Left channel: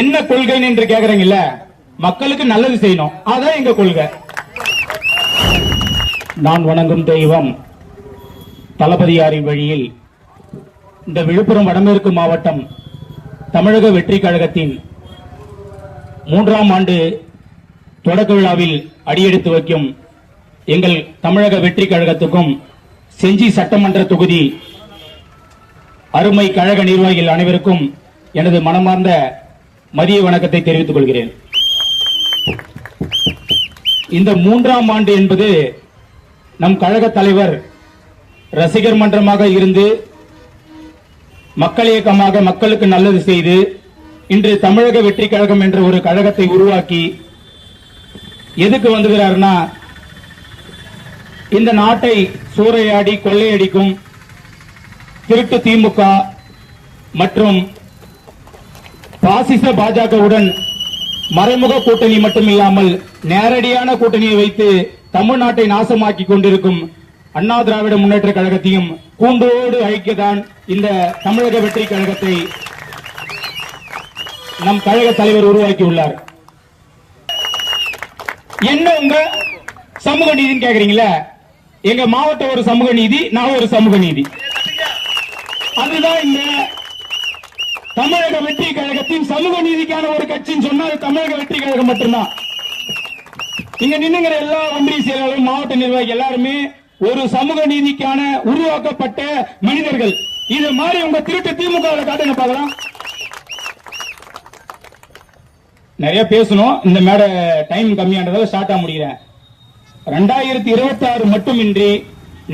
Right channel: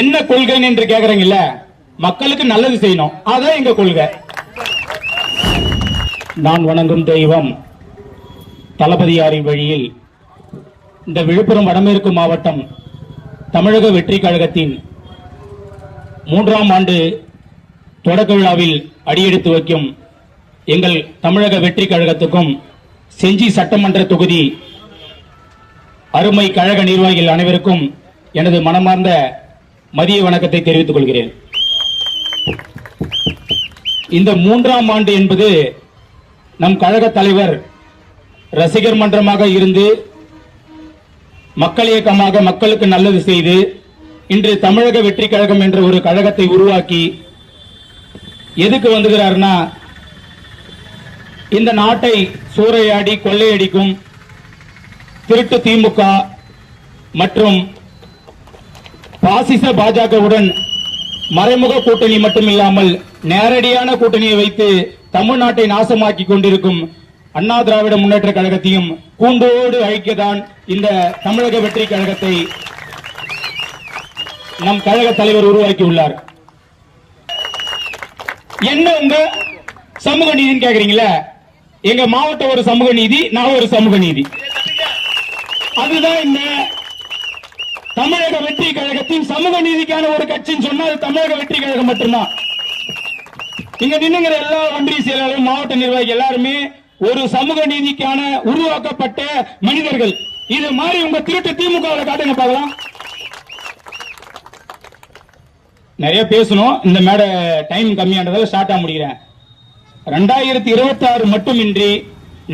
என்ன கொள்கைன்னு என்று கேக்குறீங்கல்ல, மக்களுக்கு நல்லது செய்யணும், அதான் எங்க கொள்கை. நான் வணங்கும் தெய்வம் தளபதியாரின் வழியில் இந்த விழுப்புரம் வடமேற்கு மாவட்டம் தமிழக வெற்றி கழகத்தின் 3ஆம் ஆண்டு தொடக்க விழாவில் அடியெடுத்து வைக்கும் எங்கள் தமிழக வெற்றி கழகத்துக்கும் செஞ்சி சட்டமன்ற தொகுதி அருமை கழக நிர்வாகிகள் அனைவருக்கும் எனது மனமார்ந்த மதிய வணக்கத்தை தெரிவித்துக் கொள்கிறேன். இந்த 3ஆம் ஆண்டு என்பது நம் கழக தலைவர் ரசிகர் மன்றமாக இருந்து மக்கள் இயக்கமாக மக்களுக்கு நல்லது செய்து இன்று தமிழக வெற்றி கழகம் என்ற ஒரு கழகத்தை உருவாக்கி எதுக்கு வந்துகிறார்னா, இந்த நாட்டை சூறையாடி கொள்ளையடிக்கும் திருட்டு திமுக மற்றும் பாசிச பாஜகவுடன் மறைமுக கூட்டணி மட்டுமில்லாமல் நேரடியான கூட்டணியை வைத்து தமிழ்நாட்டை நாசமாக்கி கொண்டிருக்கும் அண்ணா திராவிட முன்னேற்ற கழகத்தையும் கூண்டோடு அழிக்கத்தான் இந்த தமிழக வெற்றி கழகத்தை நம் கழக தலைவர் உருவாக்கியுள்ளார். என்ன உங்க சமூக நீதினு கேக்குறீங்களா? எங்க மாவட்டம் ஒரு சமூக நீதி, நான் ஒரு சமூக நீதி. அதுதான் இந்த தமிழக வெற்றி கழகத்தின் சமூக நீதிக்கான ஒரு கட்சின்னு சொன்னால் தமிழக வெற்றி கழகம் மட்டும்தான். இங்க நின்னுங்கிற எல்லா ஒன்றிய செயலாளர்கள், மாவட்ட நிர்வாகி எல்லாருமே ஒரு சமூக நீதிக்கான உருவாக்கப்பட்ட மனிதர்கள். இது மாதிரி உங்க திருட்டு திமுக காட்டுங்க பார்க்கலாம். நிறைய பேசணும், இந்த மேடை டைம் கம்மியானதால ஷார்ட்டா முடிக்கிறேன். 2026 மட்டுமின்றி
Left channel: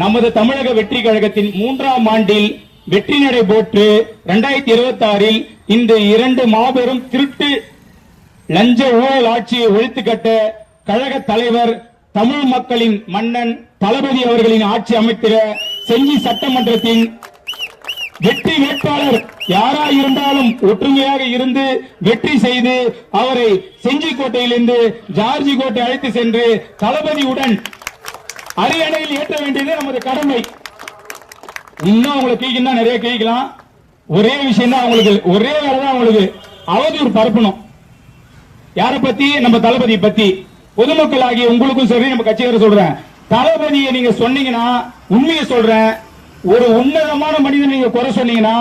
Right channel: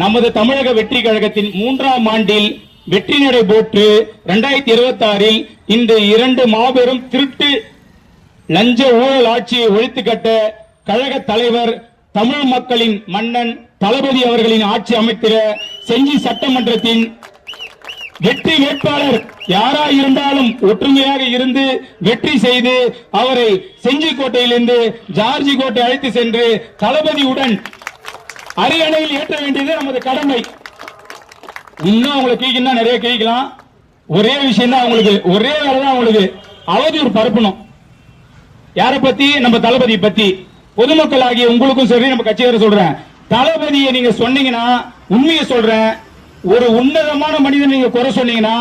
நமது தமிழக வெற்றி கழகத்தின் 3ஆம் ஆண்டில் வெற்றி நடை போட்டு 2026 இந்த 2 மாபெரும் திருட்டு லஞ்ச ஊழல் ஆட்சியை ஒழித்து கட்ட கழக தலைவர் தமிழ் மக்களின் மன்னன் தளபதி அவர்களின் ஆட்சி அமைத்திட செஞ்சி சட்டமன்றத்தின் வெற்றி வேட்பாளர் யாராயிருந்தாலும் ஒற்றுமையாக இருந்து வெற்றி செய்து அவரை செஞ்சி கோட்டையிலிருந்து ஜார்ஜி கோட்டை அழைத்து சென்று தளபதியுடன் அரியணையில் ஏற்ற வேண்டியது நமது கடமை. இன்னும் அவங்களை கேட்கணும், நிறைய கேட்கலாம். ஒரே விஷயம் தான் அவங்களுக்கு, ஒரே வேலை தான் அவங்களுக்கு, அவதூறு பரப்பணும். யாரை பத்தி? நம்ம தளபதி பத்தி. பொதுமக்கள் ஆகிய உங்களுக்கும் சரி, நம்ம கட்சியார சொல்றேன், தளபதியை நீங்க சொன்னீங்கன்னா, உண்மையை சொல்றேன், ஒரு உன்னதமான மனிதன் நீங்க குறை சொன்னீங்கன்னா,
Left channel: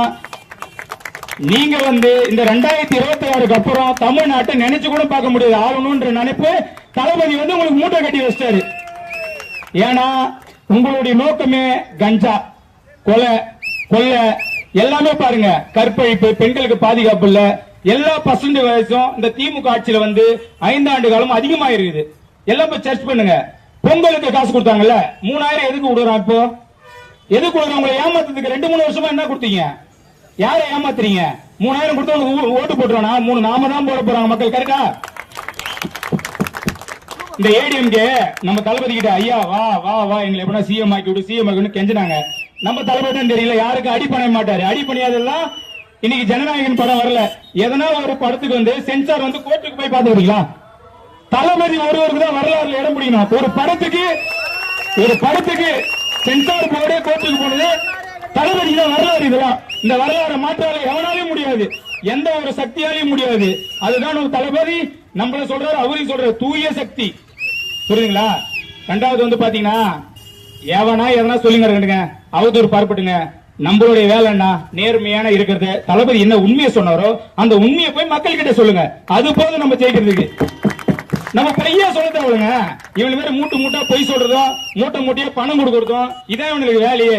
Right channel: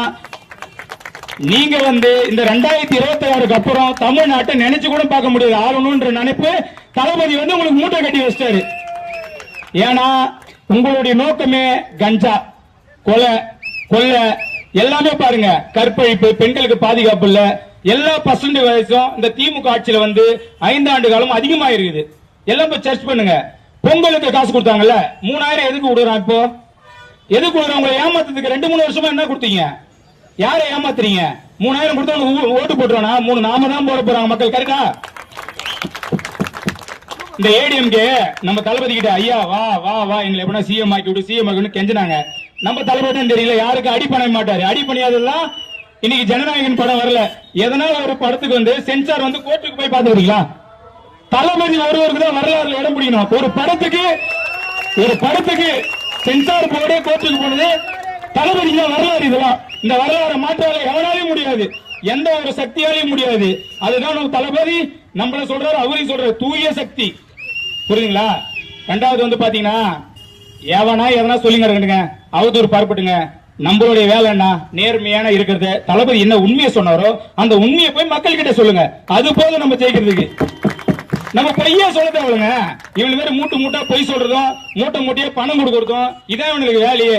நீங்க இந்த 2026 அப்புறம் தமிழ்நாட்டை நினைச்சு கூட பார்க்க முடியாது ஆளணும்ன்ற நினைப்பு தளபதி உங்களுக்கு மூட்டை கட்டி வச்சிட்டாரு. ஏன்னா உங்களுடைய நோக்கமே கஞ்சா, கொலை, கொள்ளை எல்லாமே பாருங்க, கற்பழிப்பு, பெண்களுக்கு பாதுகாப்பு இல்ல, எல்லா பர்சன்ட் வயசும் இந்த திமுக ஆட்சியில 5 ஆண்டு காலம் அதிகமா இருக்குது. எல்லாம் போய் சர்ச் பண்ணுங்க. பொங்கலுக்கு காசு கொடுத்தாங்கல்ல, 3000 எதுக்கு விடுறான்? இப்போ எதுக்கு விடுறாங்க? உங்களை ஏமாத்துறதுக்கு 2-3 வருஷமா என்ன கொடுத்தீங்க? யாரை ஏமாத்துறீங்க? 3000 கொடுத்தவங்க ஓட்டு போட்டுறானா? 3 நாம தான் போட போறாங்க மக்கள். கரெக்டா? இந்த ஏடிஎம்கே நம்ம தளபதி கிட்ட ஐயா வா வா வா எங்களை எப்படின்னா சிஎம் ஆக்கி விடு, சிஎம் ஆக்கி கெஞ்சினாங்க. நம்ம தளபதி தான் தெரியல, யாருக்கு அடி பண்ண மாட்டாரு. அடி பண்ணியாதெல்லாம் இன்னைக்கு ஜனநாயகன் படம் வரல. எதனால ஒரு படத்துக்கு சென்சார் கோர்ட்டுக்கு போய் பாத்துக்கிறீங்களா? தளபதி ஒருவருக்கு தான் வரலாறுல இடம் பிடிக்கணும். ஒரு படத்துக்கு சென்சார் போர்டே கோர்ட்டுக்கு போனது தளபதி தான் வரலாறு. இதெல்லாம் இந்த வரலாறு மாற்றால எவனாலையும் முடியாது, எந்த ஒரு சக்தியாலையும் முடியாது. அதுதான் நம்ம தளபதி நம்மள சொல்றாரு, அவரையும் சொல்றாரு, தூய சக்தி. புரியுதுங்களா? 2வது பாத்தீங்கன்னா, எவனா எதனா சொல்லிங்க இருக்கட்டுங்க, அவதூறு பரப்பட்டுங்க. நம்மளுடைய வேலை என்ன? நேர்மையான இருக்கிறது. தளபதி என்ன உண்மையை சொன்னாரோ அந்த உண்மையை போய் மக்கள் கிட்ட சொல்லுங்க. அது போதும் நம்ம ஜெயிக்கிறதுக்கு. நம்ம பையா சொல்ல தேவைங்க. இவங்க வேற மூட்டா பொய் சொல்றதும், மூட்டையா பணம் கொடுக்கறதும், இதான் இவங்களுக்கு வேலையே.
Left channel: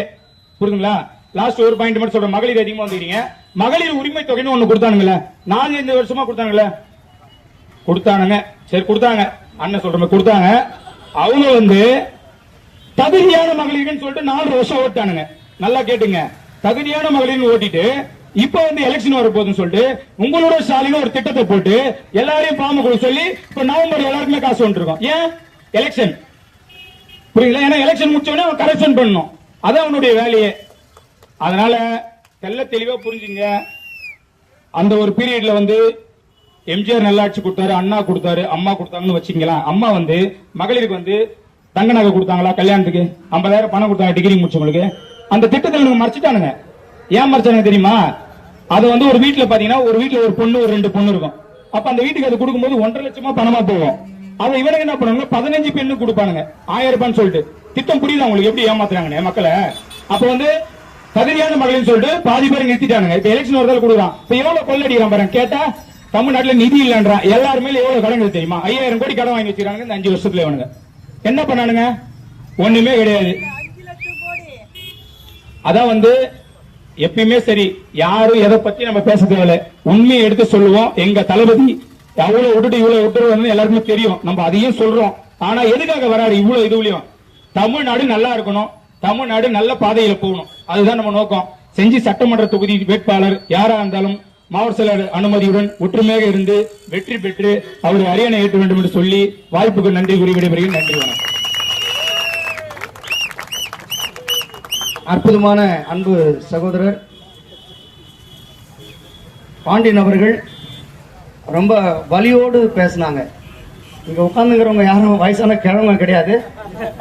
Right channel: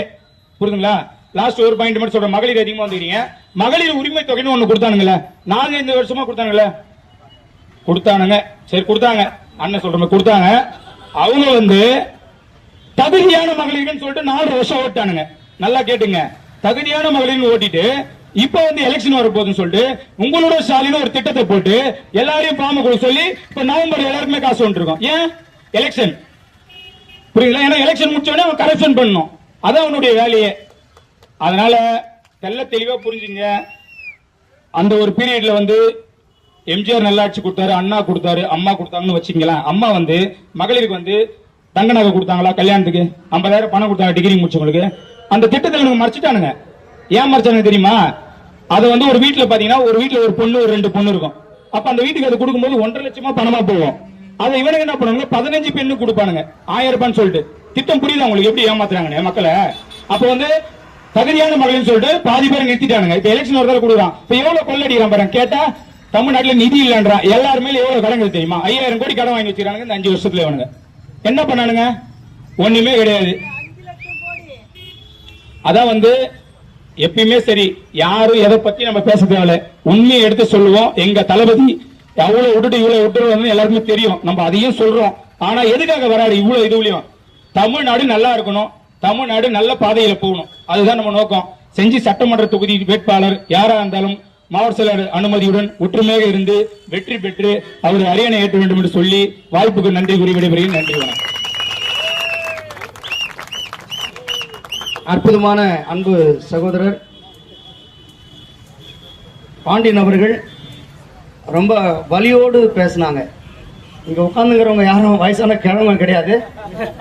புரியுதுங்களா? லாஸ்ட் ஒரு பாயிண்ட் மட்டும் சொல்றேன். மகளிர் அதிகமா வந்துக்கிறீங்க. மகளிர் உரிமை தொகைன்னு ஒண்ணு கொடுத்தானுங்களே, 4-5 வருஷமா கொடுத்தானுங்களே, கொடுத்தானுங்க. சரி கொடுத்தாங்க, அண்ணன் சொல்ற கொடுத்தாங்க. அவங்க தகுதியான மகளிர்னு சொல்லிட்டு 4 வருஷம் ஓட்டானுங்க. நல்லா கேட்டுங்க, தகுதியான மகளிர்னு ஓட்டிட்டு இப்ப எலெக்ஷன் வர போகுதுன்னு சொல்லிட்டு உங்களோட ஸ்டாலின் ஒரு திட்டத்தை போட்டு எல்லாரையும் பாம்பு கொடுக்க சொல்லி இப்ப நவம்பர் எல்லாருக்குமே காசு வந்துருக்கோம். ஏன்? எலெக்ஷன். புரியல? ஏன்னா எலெக்ஷன் முடிச்ச உடனே அவன் கரெக்ஷன் பண்ணணும், அதான் அவனுடைய வேலையே. அதனால தெல்ல தெளிவா புரிஞ்சுங்க. அந்த ஒரு பீரியட்ல எம்ஜிஆர் நல்லாட்சி கொடுத்தாரு, அண்ணா கொடுத்தாரு, அம்மா கொடுத்தாங்கன்னு வச்சுங்களா. அம்மா மகளிருக்கு தங்க நகை கொடுத்தாங்களா? கல்யாணத்துக்கு 50,000 பணம் கொடுத்தாங்க டிகிரி முடிச்சவங்களுக்கு. அந்த திட்டத்தை மறைச்சிட்டானுங்க. ஏன் மறைச்சானுங்க தெரியுமா? அது வந்து ஒரு வீட்டுல பாத்தீங்கன்னா ஒரு வீட்டுல ஒரு பொண்ணு ஒரு 2 பொண்ணு இருக்கும். அப்ப அந்த வீட்டுக்கு அது கொடுக்கும்போது 1.5 லட்சமா பணமா போகும். அதை இவனுக்கு என்ன பண்ணுவாங்க, 15 பெண்ணு கொடுப்பானுங்க 1000 ரூபான்னு சொல்லிட்டு. திட்டம் புரியுது உங்களுக்கு எப்படி ஏமாத்துறாங்க மக்களை? அப்ப வந்து தகுதியான மகளிர்னு சொல்லிட்டு பாதி பேர் நிறுத்திட்டானுங்க. இப்ப எலெக்ஷன் ஒரு தடவை கொடுக்குறான். இப்ப எவ்வளவு கொள்ளடிக்கிறான் பாருங்க. கேட்டா தமிழ்நாட்டுல நிதி இல்லன்றான். எல்லாருமே எவ்வளவு கடன்கள் தெரியுமா? 5000 கோடி கடன் வாங்கி வச்சிருக்காங்க இந்த 5 வருஷத்துல. இவனுங்க என்ன பண்ணானுங்க? ஒண்ணுமே கிடையாது. அதான் வந்து எப்பயுமே சரி, யாரும் எதை பத்தி நம்ம பேச தேவையில்ல, உண்மையை எடுத்து சொல்லுவோம். எங்க தளபதி அவ்வளவு விட்டுட்டு இவ்வளவு விட்டுறது எல்லாருக்குமே தெரியும். நம்ம அதையும் சொல்றோம். ஆனா எதுக்காக வராரு இவ்வளவு இதுலயும்? தமிழ்நாடு நல்லா இருக்கணும், தமிழ்நாடு நல்ல பாதையில போகணும். அதுதான் நம்ம நோக்கம். செஞ்சி சட்டமன்ற தொகுதி வேட்பாளர் யாரா இருந்தாலும் மாவட்ட செயலர் அனுமதியுடன் ஒற்றுமையாக இருந்து வெற்றி பெற்று அவருடைய அரியணை ஏற்ற வேண்டும் என்று சொல்லி வாய்ப்புக்கு நன்றி கூறி விடைபெறுகிறேன். நன்றி. அற்புதமான அன்பு சகோதரர் பாண்டியன் அவர்கள் ரொம்ப வலியோடு பேசினாங்க. இங்க உட்கார்ந்துங்கிறவங்க யாரும் வயசான கிழவங்க கிடையாது,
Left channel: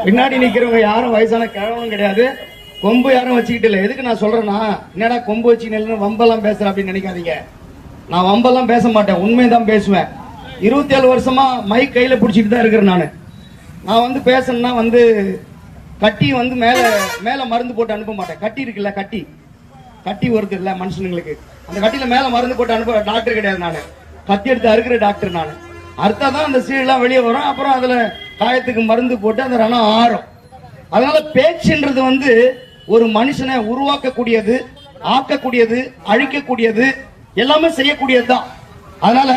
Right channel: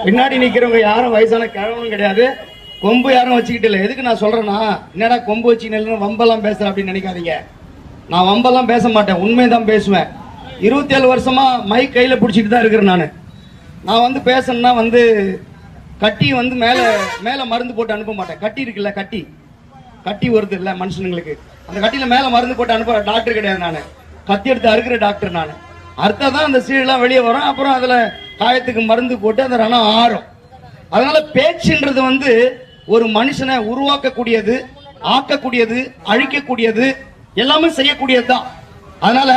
பின்னாடி நிக்கிறவங்க யாரும் வயசான கிழவனும் கிடையாது, கொம்பு யாரும் வச்சுக்கிட்டு இல்லை. எதுக்கு நான் சொல்றேன்னா, என்னடா கொம்பு வச்சுக்கிட்டு வம்பெல்லாம் பேசுற அப்படின்னு நினைக்காதீங்க. நான் வம்பெல்லாம் பேச மாட்டேன், உண்மைதான் பேசுவேன். 27 வருஷமா மைக் கையில பிடிச்சிட்டு தான் இருக்கிறேன். நான் வந்து பேசணும்னா வந்து கட்டி வந்து மேல மருந்து போட்டு அனுப்ப மாட்டேன். கட்டி இருக்குல்ல, கட்டி வருது இல்ல மனுஷனுங்களுக்கு, அந்த கட்டியில மேல மருந்து போட்டு அனுப்புற டாக்டர் கிடையாது. நானு கத்தி எடுத்து அறுக்கிற டாக்டர். நானு அர்த்தம் அந்த சீடெல்லாம் வெளியே வரும். அப்புறம் அதுல காயத்துக்கு மருந்து போட்டு அந்த ரணம் ஆறும். அதனால பேச்சுன்றது வந்து ஒரு மனுஷனை உருவாக்கக்கூடியது, ஆக்கக்கூடியது, அழிக்கக்கூடியது, எல்லாமே செய்யக்கூடியதுதான். அதனால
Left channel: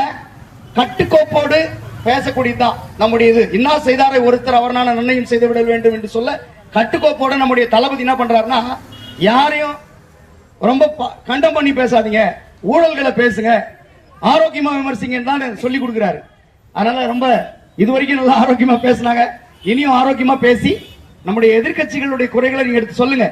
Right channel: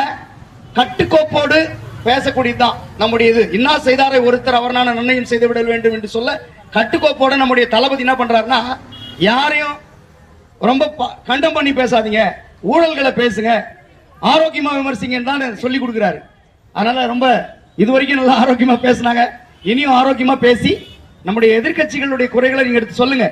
கட்டுக்கோப்போடு பேசக்கூடியதுதான் நம்முடைய இது. இன்னா செய்தாரை ஒருத்தர் அவரான நன்மையும் செய்து விட வேண்டும் என்று சொல்ல கட்டுக்கோப்போட நம்முடைய தளபதி என்ன பண்றாருன்னா, யாரையும் ரொம்ப கண்டம் பண்ணி பேசாதீங்க, ஊழல்களை பேசுங்க, ஆரோக்கியமா விமர்சிங்கன்னு தான் சொல்லி கொடுக்கிறாரு. அதனால ரொம்ப இதுவரைக்கும் நல்லா ஆரோக்கியமா பேசினாங்க. இனியும் ஆரோக்கியமா பேசி நம்முடைய எதிர்க்கட்சிகளுடைய குறைகளை நீங்க எடுத்து சொல்லுங்க.